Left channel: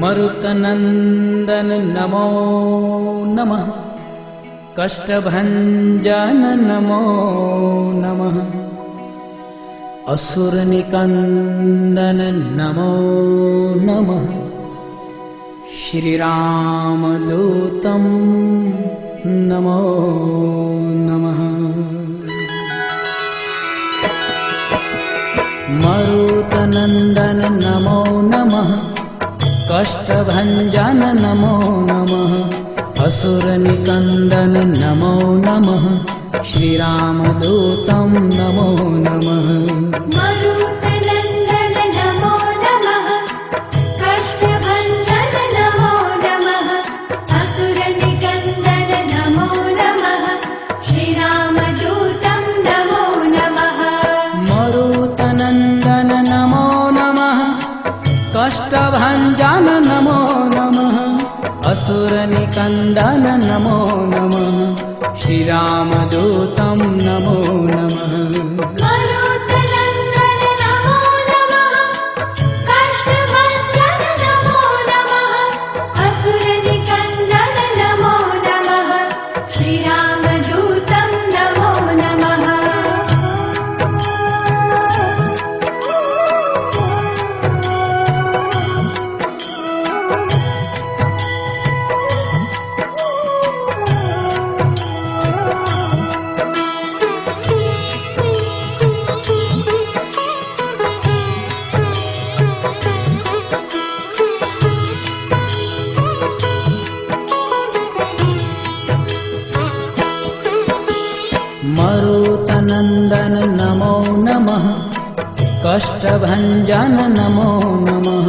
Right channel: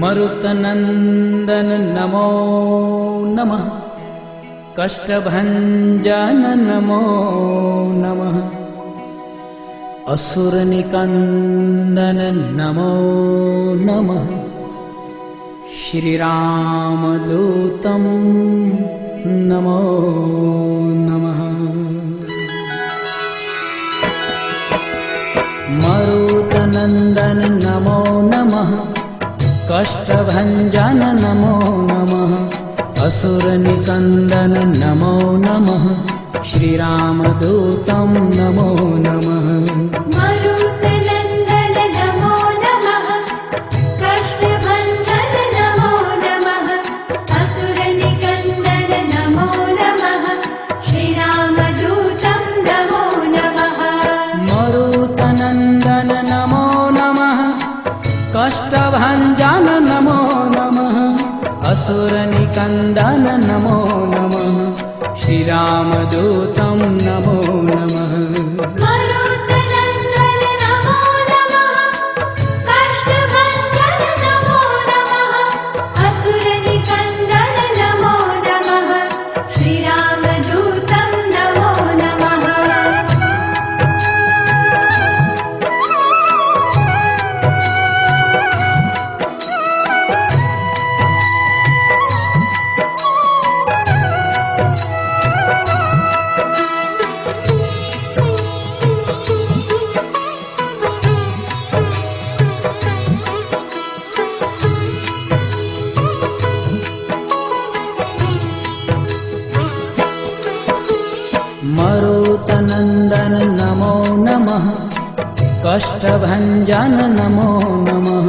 मरुतनंदन नमो नमः। कष्टभंजन नमो नमः। असुरनिकंदन नमो नमः। श्रीरामदूतं नमो नमः। मरुतनंदन नमो नमः। कष्टभंजन नमो नमः। असुरनिकंदन नमो नमः। श्रीरामदूतं नमो नमः। मरुतनंदन नमो नमः। कष्टभंजन नमो नमः। असुरनिकंदन नमो नमः। श्रीरामदूतं नमो नमः। मरुतनंदन नमो नमः। कष्टभंजन नमो नमः। असुरनिकंदन नमो नमः। श्रीरामदूतं नमो नमः। मरुतनंदन नमो नमः। कष्टभंजन नमो नमः। असुरनिकंदन नमो नमः। श्रीरामदूतं नमो नमः। मरुतनंदन नमो नमः। कष्टभंजन नमो नमः।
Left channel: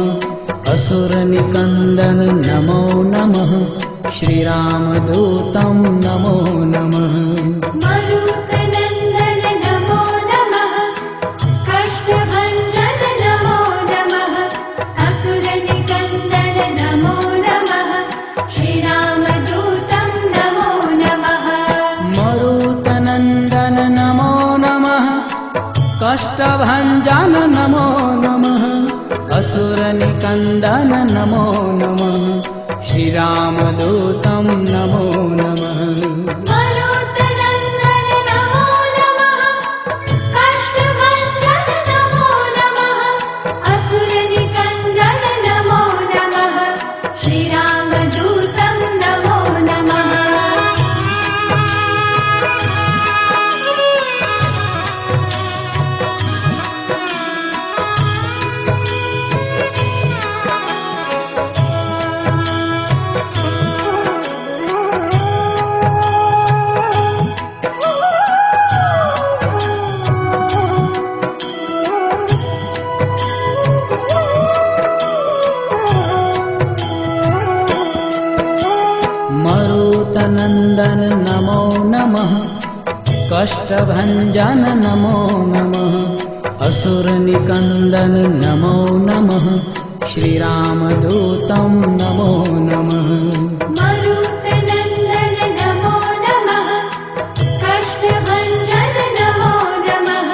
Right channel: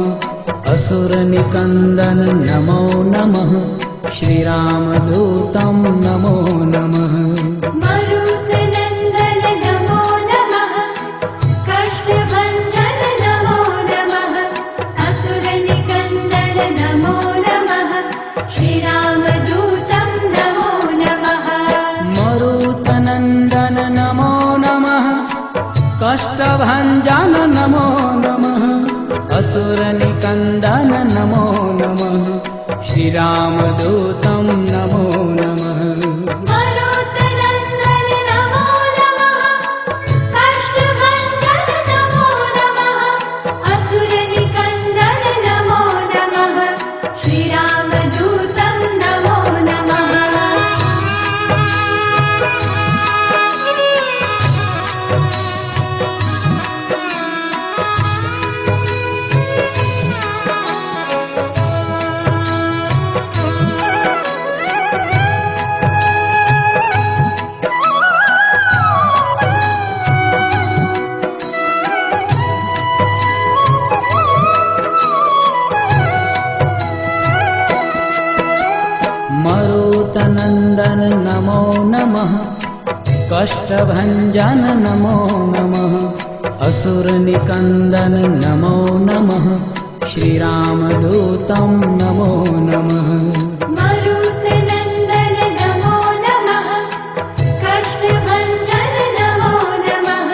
असुरनिकंदन नमो नमः। श्रीरामदूतं नमो नमः। मरुतनंदन नमो नमः। कष्टभंजन नमो नमः। असुरनिकंदन नमो नमः। श्रीरामदूतं नमो नमः। मरुतनंदन नमो नमः। कष्टभंजन नमो नमः। असुरनिकंदन नमो नमः। श्रीरामदूतं नमो नमः। मरुतनंदन नमो नमः। कष्टभंजन नमो नमः। असुरनिकंदन नमो नमः। श्रीरामदूतं नमो नमः। मरुतनंदन नमो नमः। कष्टभंजन नमो नमः। असुरनिकंदन नमो नमः। श्रीरामदूतं नमो नमः। मरुतनंदन नमो नमः। कष्टभंजन नमो नमः।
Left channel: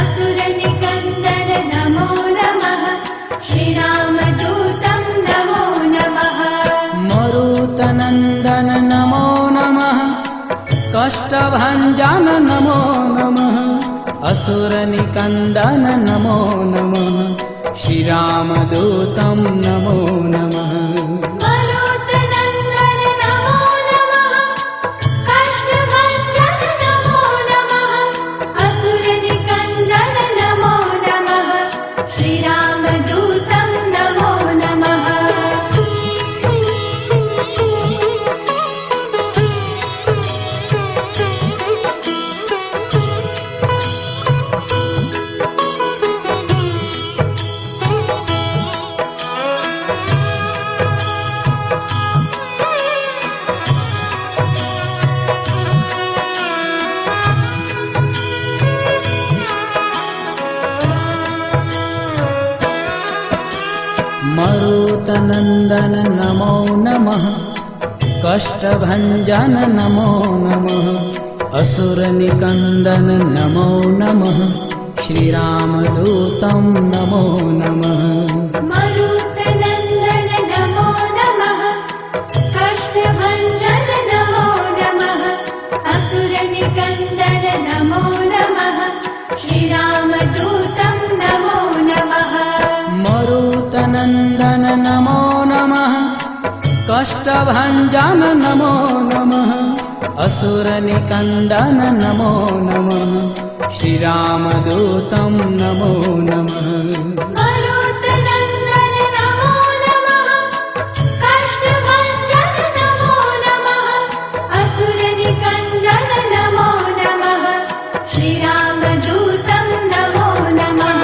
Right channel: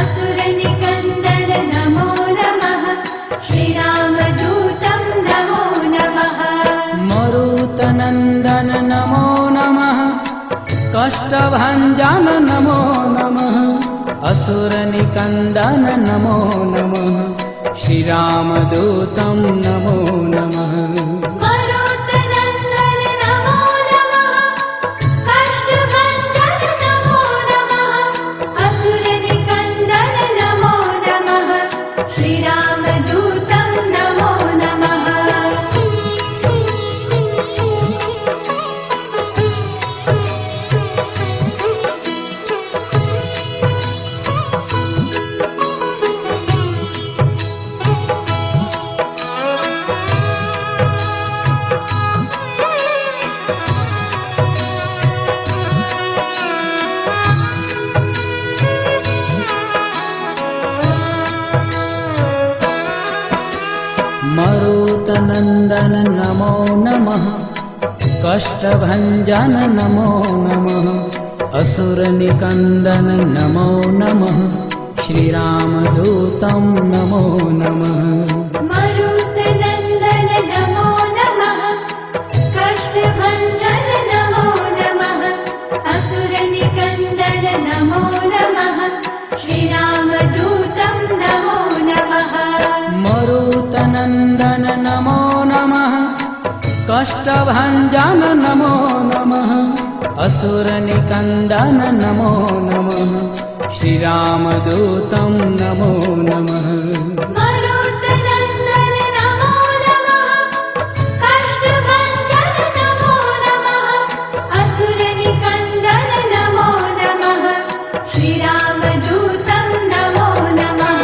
असुरनिकंदन नमो नमः। श्रीरामदूतं नमो नमः। मरुतनंदन नमो नमः। कष्टभंजन नमो नमः। असुरनिकंदन नमो नमः। श्रीरामदूतं नमो नमः। मरुतनंदन नमो नमः। कष्टभंजन नमो नमः। असुरनिकंदन नमो नमः। श्रीरामदूतं नमो नमः। मरुतनंदन नमो नमः। कष्टभंजन नमो नमः। असुरनिकंदन नमो नमः। श्रीरामदूतं नमो नमः। मरुतनंदन नमो कष्टभञ्जन नमो नमः असुरनिकन्दन नमो नमः श्रीरामदूतं नमो नमः मरुतनन्दन नमो नमः कष्टभञ्जन नमो नमः असुरनिकन्दन नमो नमः श्रीरामदूतं नमो नमः मरुतनन्दन नमो नमः कष्टभञ्जन नमो नमः असुरनिकन्दन नमो नमः श्रीरामदूतं नमो नमः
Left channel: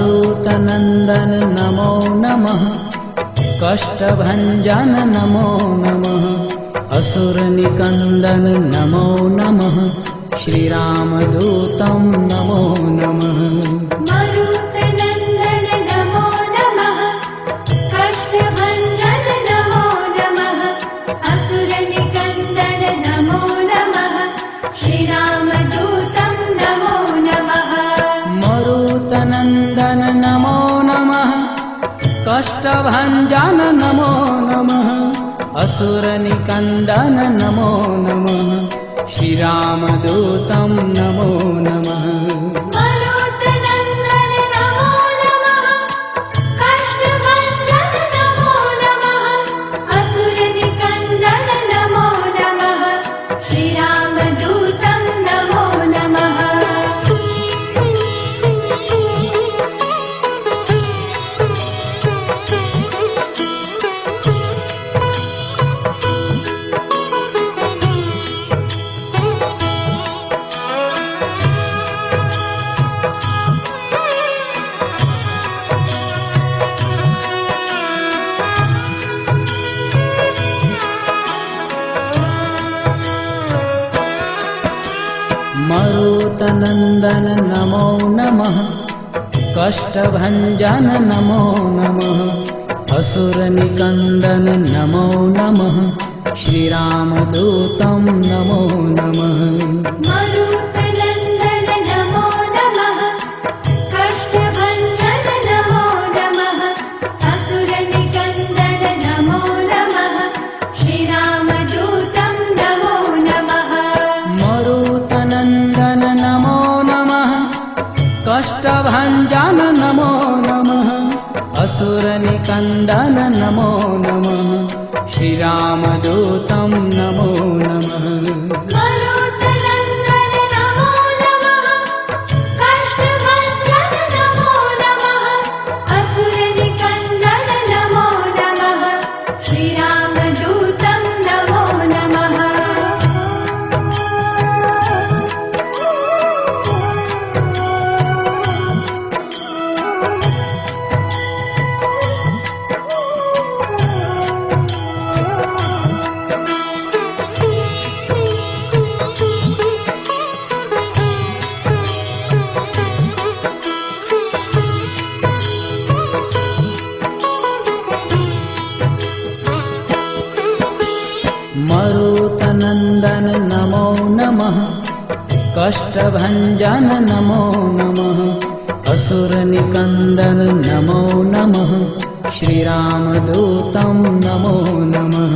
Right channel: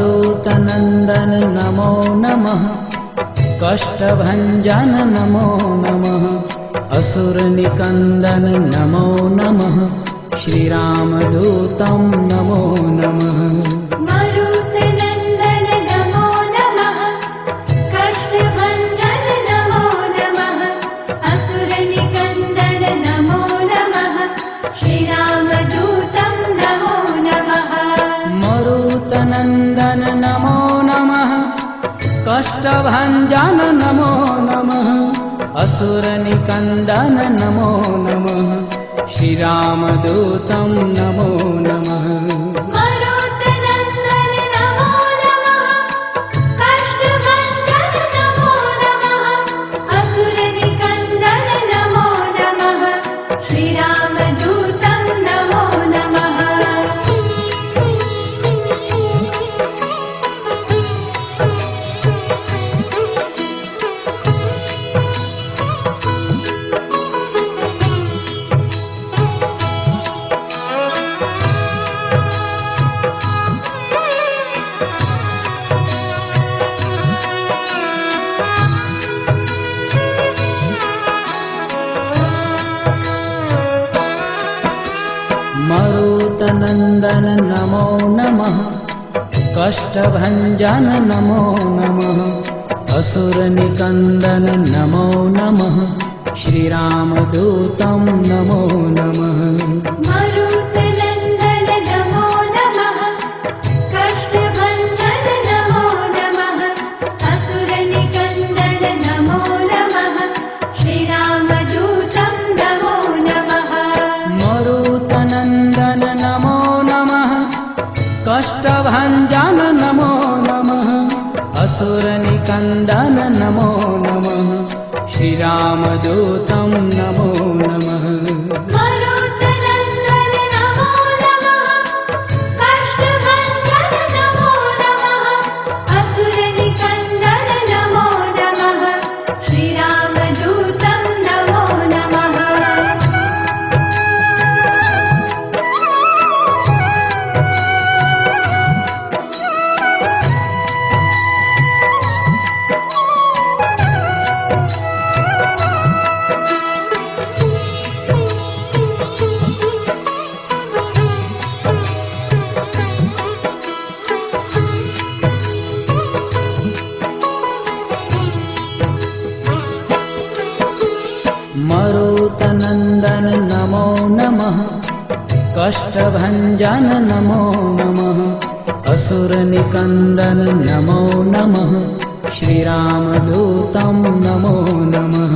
मरुतनन्दन नमो नमः कष्टभञ्जन नमो नमः असुरनिकन्दन नमो नमः श्रीरामदूतं नमो नमः मरुतनन्दन नमो नमः कष्टभञ्जन नमो नमः असुरनिकन्दन नमो नमः श्रीरामदूतं नमो नमः मरुतनन्दन नमो नमः कष्टभञ्जन नमो नमः असुरनिकन्दन नमो नमः श्रीरामदूतं नमो नमः मरुतनन्दन नमो नमः कष्टभञ्जन नमो नमः असुरनिकन्दन नमो नमः श्रीरामदूतं नमो नमः मरुतनन्दन नमो नमः कष्टभञ्जन नमो नमः असुरनिकन्दन नमो नमः श्रीरामदूतं नमो नमः मरुतनन्दन नमो नमः कष्टभञ्जन नमो नमः असुरनिकन्दन नमो नमः श्रीरामदूतं नमो नमः मरुतनन्दन नमो नमः कष्टभञ्जन नमो नमः असुरनिकन्दन नमो नमः श्रीरामदूतं नमो नमः मरुतनन्दन नमो नमः कष्टभञ्जन नमो नमः असुरनिकन्दन नमो नमः श्रीरामदूतं नमो नमः मरुतनन्दन नमो नमः कष्टभञ्जन नमो नमः असुरनिकन्दन नमो नमः श्रीरामदूतं नमो नमः